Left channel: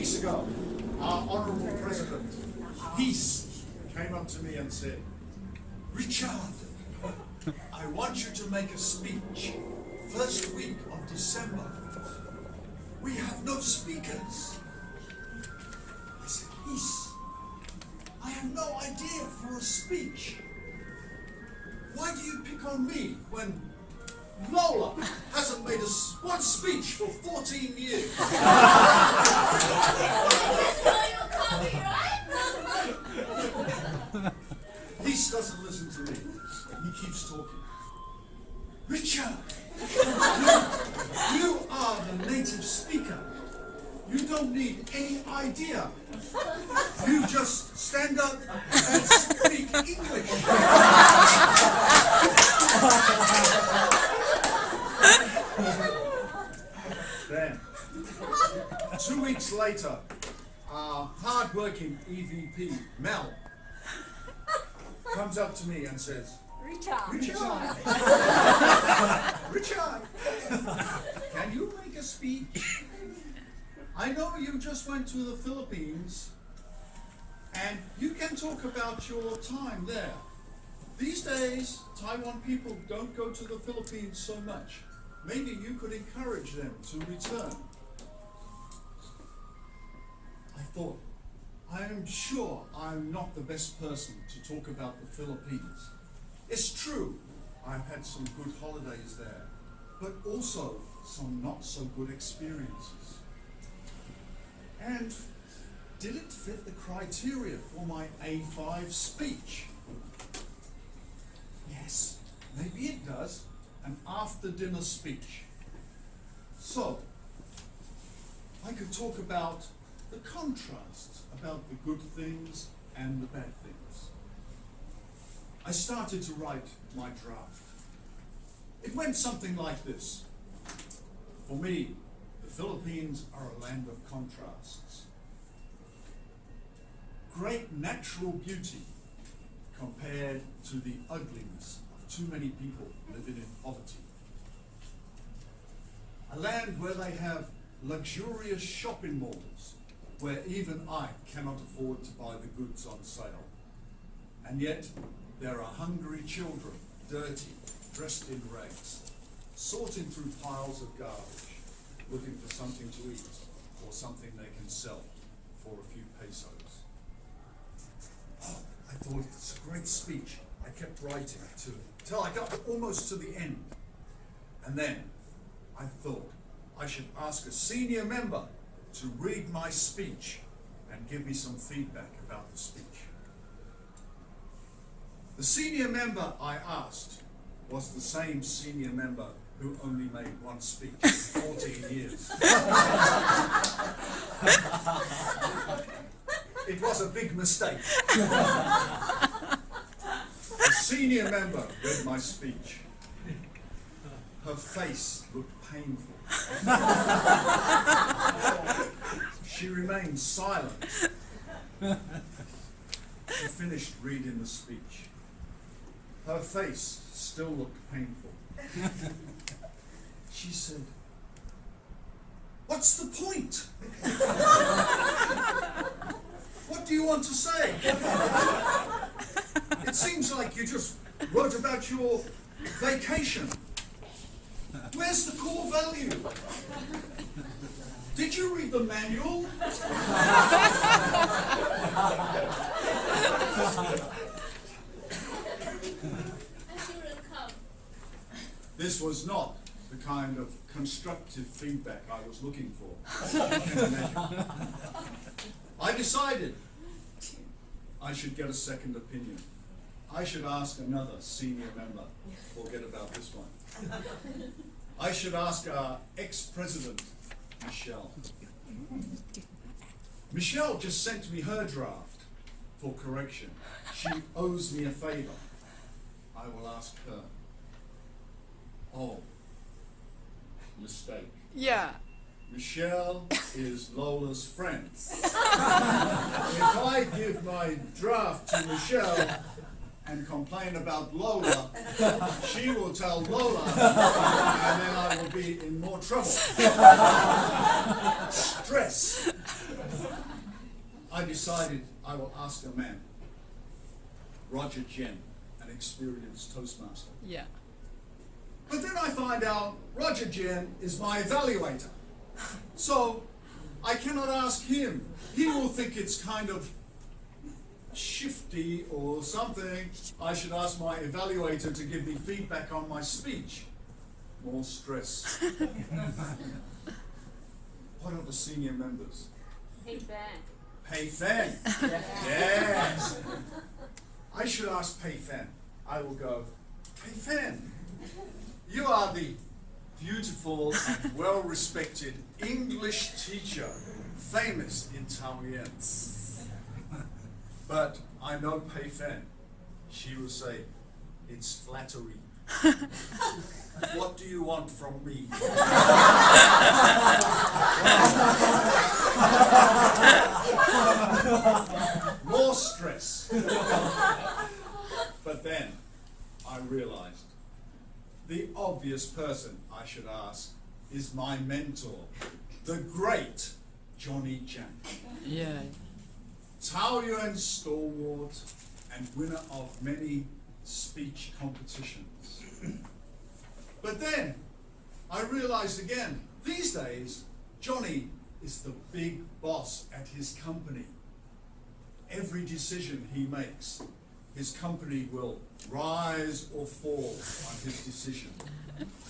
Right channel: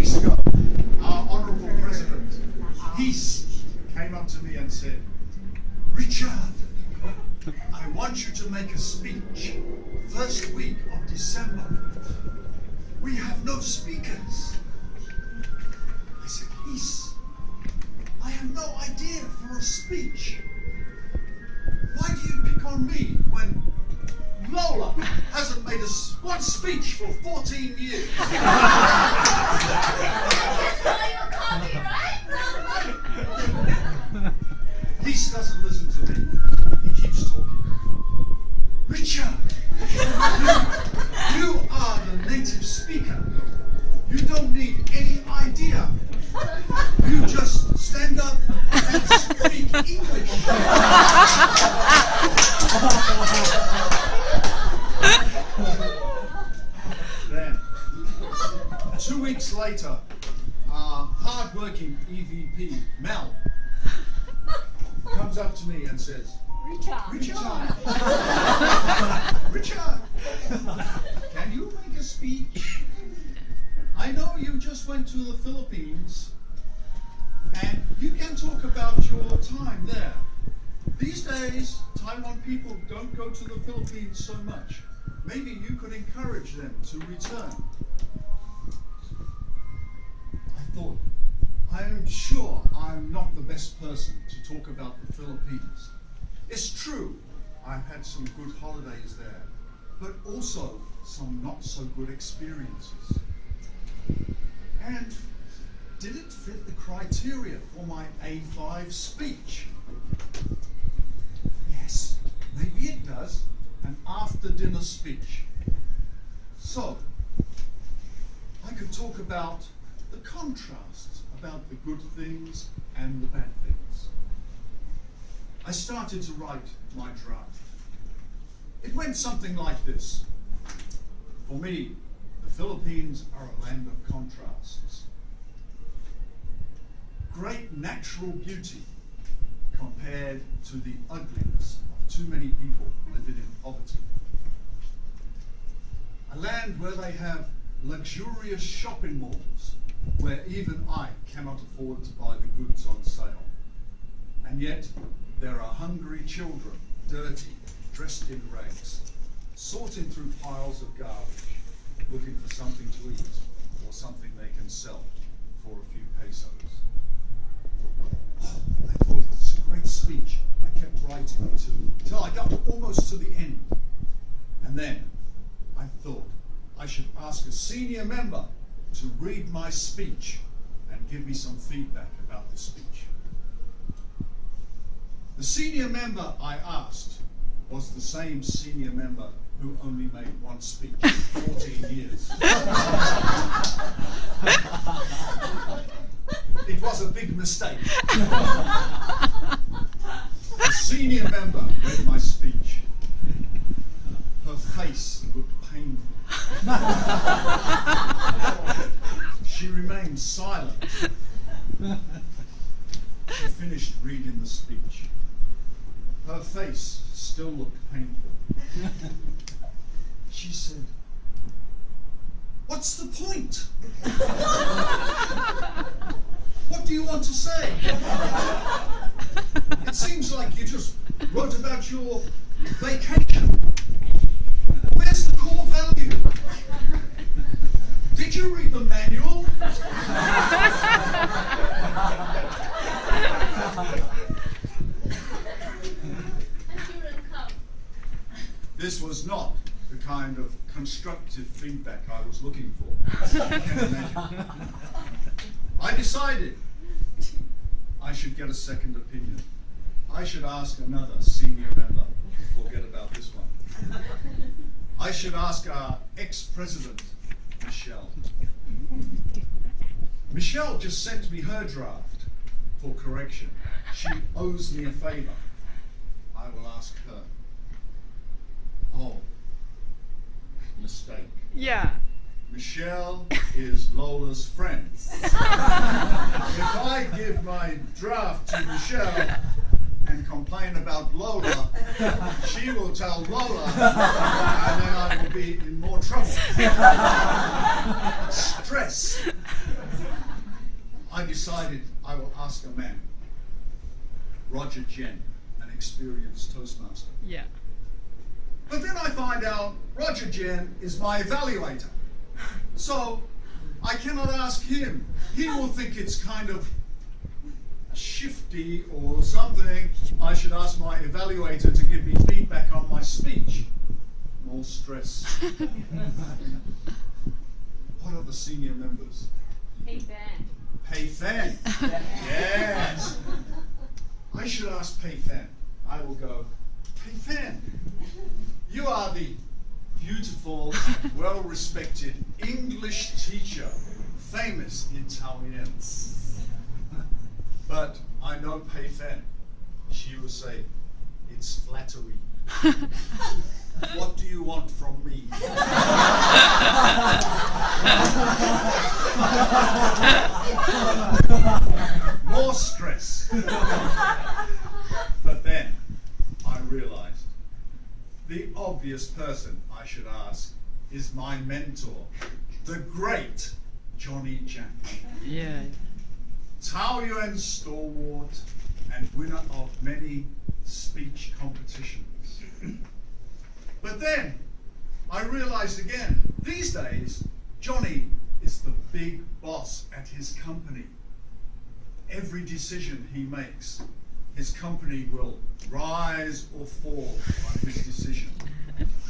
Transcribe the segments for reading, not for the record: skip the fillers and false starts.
weeks ago, our Honourable President, Heath, came up to me and said, Richard, I want you to make a speech first week of December. We have no speakers. I said, Heath, I have no idea for a speech. Why do you pick on me when Lola hasn't made one speech for 14 years? Heath doesn't listen to me. He keeps talking. Richard, you are the native speaker. You don't need any idea. You just stand up and speak English. Then, 2 weeks later, our hard-working EVP, Mel, comes up to me and says, Richard, Richard, can you make a speech? I know you just went to the Philippines and you can talk about your time there. These days, Taiwan people don't go to the Philippines so much. Maybe you could encourage them to return. I thought, I am sure I'm not the best person to talk about the Philippines. It's true, I've had some good holidays there, but also some not so good experiences. And did it fit the criteria for my A5 speech? Yes, maybe it does, an after-dinner speech. So, I could talk about the contrasts, about the good things and the bad things. I started to write my draft. It went something like this. For me, the Philippines are a land of contrasts. Great natural beauty compared to the ugliness of too many people living in poverty. A land where they have luxurious shopping malls where even I cannot afford to buy the goods on sale. And yet, there are hungry children, dirty, dressed in rags, sorting through piles of garbage, looking for something to eat or something they can sell for a few pesos. Oh, I thought it's a great speech. I kept writing till I got almost to the end. And then I thought I should ask a senior member to read my speech and give me some feedback about the speech. The senior member I asked was the same senior member who only made one speech in 14 years. It was a big mistake. The senior member read my speech. Her face looked painful. She remained silent. She finished reading the speech. Her face still looked painful. She said, "What's the point? What do you want to say? It seems like you just wrote about your vacation. Where's the core value? Did you read the manual?" This was not the kind of constructive feedback I was looking for, as you can imagine. I decided I should get a second opinion. I should ask another senior member. Forget about this one. I should ask our ex-president, Michelle. Michelle just sent me her draft for correction. She owes me a favor. I will ask her. Oh, mistake. Yeah. Michelle is Lola's friend. If I give my draft to Michelle and complain about Lola, she will tell Lola, and then I will be in more trouble. Stress. I decided I will ask a man, Roger Jen, an experienced Toastmaster. Yeah. But then I find out Roger Jen is my evaluator. So I cannot ask him. He will think it's kind of shifty or something. I should ask my evaluator to give me feedback on my speech. More stress. What are the senior members? Hey, Ben. Pei Fen. Yes. I should ask Pei Fen. I will go, Pei Fen, you are the beautiful, well-respected English teacher, famous in Taoyuan. But I know Pei Fen. She will say, it's flattery. What do you want from me? More stress. But then I realized the obvious person I should ask is my mentor, the great Johnny Jiang. Yeah. Taoyuan stalwart and winner of many speech competitions. But then I realized again, these days, Johnny is the big boss at his company. Every decision he makes, his company will rise or fall on his decision.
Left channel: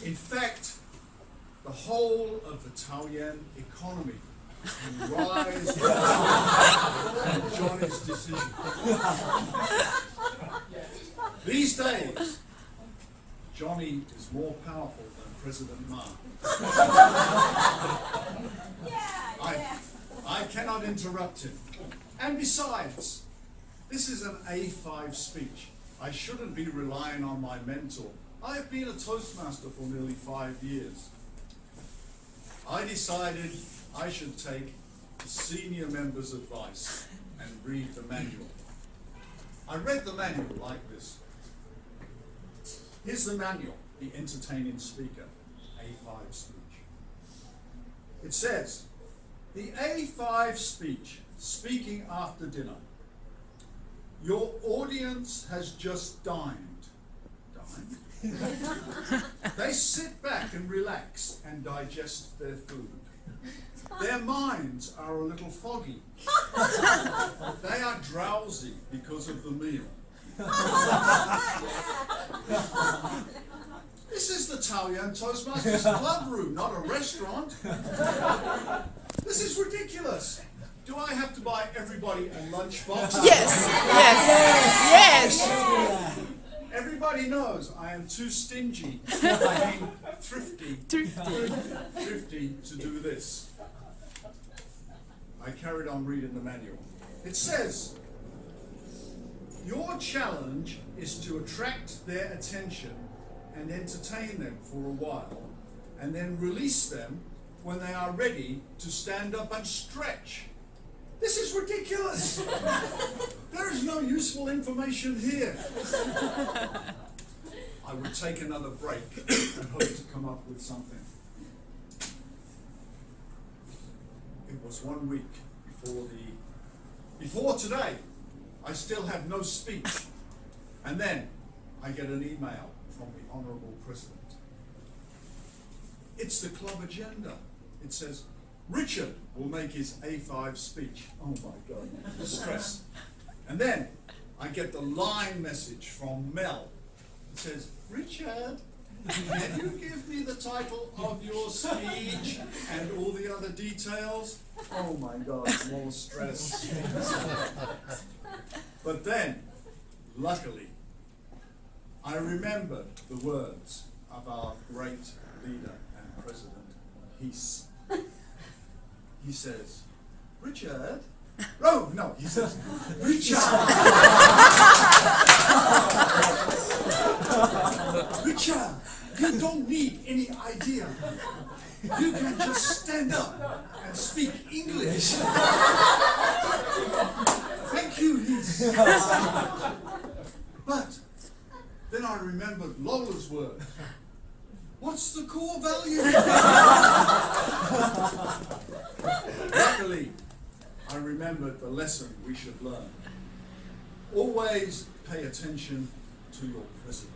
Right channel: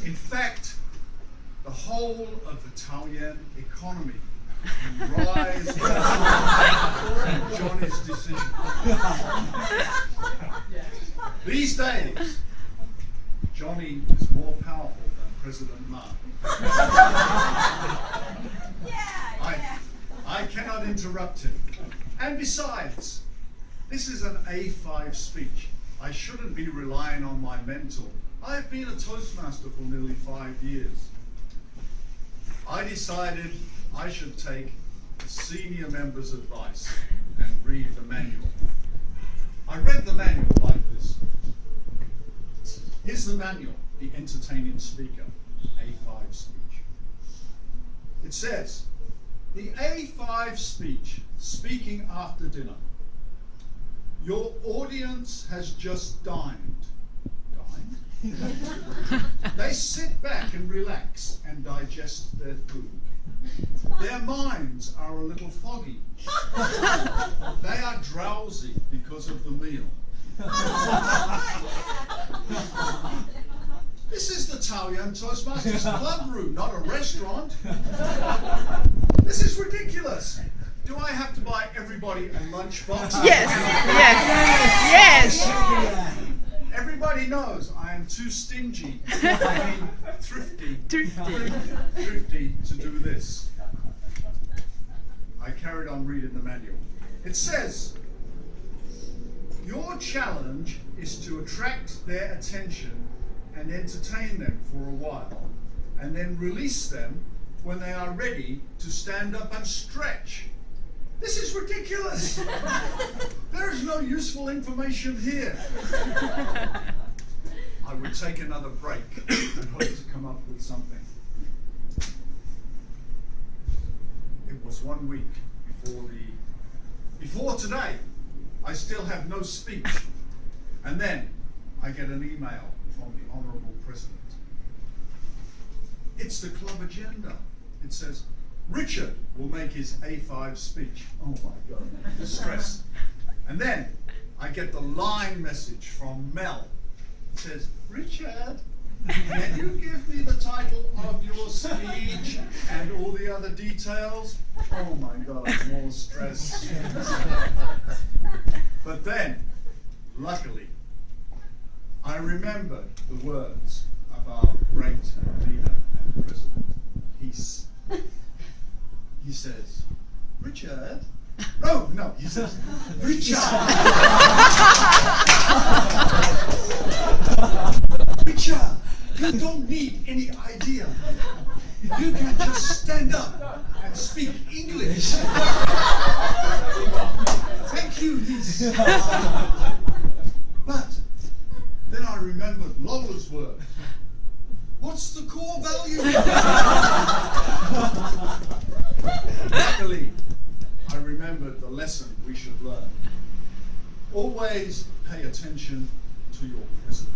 In fact, the whole of the Taoyuan economy will rise or fall on Johnny's decision. These days, Johnny is more powerful than President Ma. I cannot interrupt him. And besides, this is an A5 speech. I shouldn't be relying on my mentor. I have been a Toastmaster for nearly 5 years. I decided I should take the senior member's advice and read the manual. I read the manual like this. Here's the manual, the entertaining speaker, A5 speech. It says, the A5 speech, speaking after dinner. Your audience has just dined. Dined? They sit back and relax and digest their food. Their minds are a little foggy. They are drowsy because of the meal. This is the Taoyuan Toastmasters club room, not a restaurant. This is ridiculous. Do I have to buy everybody a lunchbox? Yes. Yes. Yes. Everybody knows I am too stingy, I mean thrifty to do this. I carried on reading the manual. It says, your challenge is to attract their attention and entertain them for a while, and then release them when they are ready to stand up and stretch. This is ridiculous. There is no useful information here. I would take another break and hope to come up with something. It was 1 week before today. I still have no speech. And then I get an email from the Honourable President. It's the club agenda. It says, Richard will make his A5 speech. Oh my God, the stress. And then I get the line message from Mel. It says, Richard, can you give me the title of your speech and all the other details? Oh my God, more stress. But then, luckily, I remembered the words of our great leader and president, Heath. He says, Richard. No, he says, Richard. Richard, you don't need any idea. You can just stand up and speak English. Thank you, Heath. But then I remembered Lola's word. What's the core value? Luckily, I remembered the lesson we should learn. Always pay attention to your president.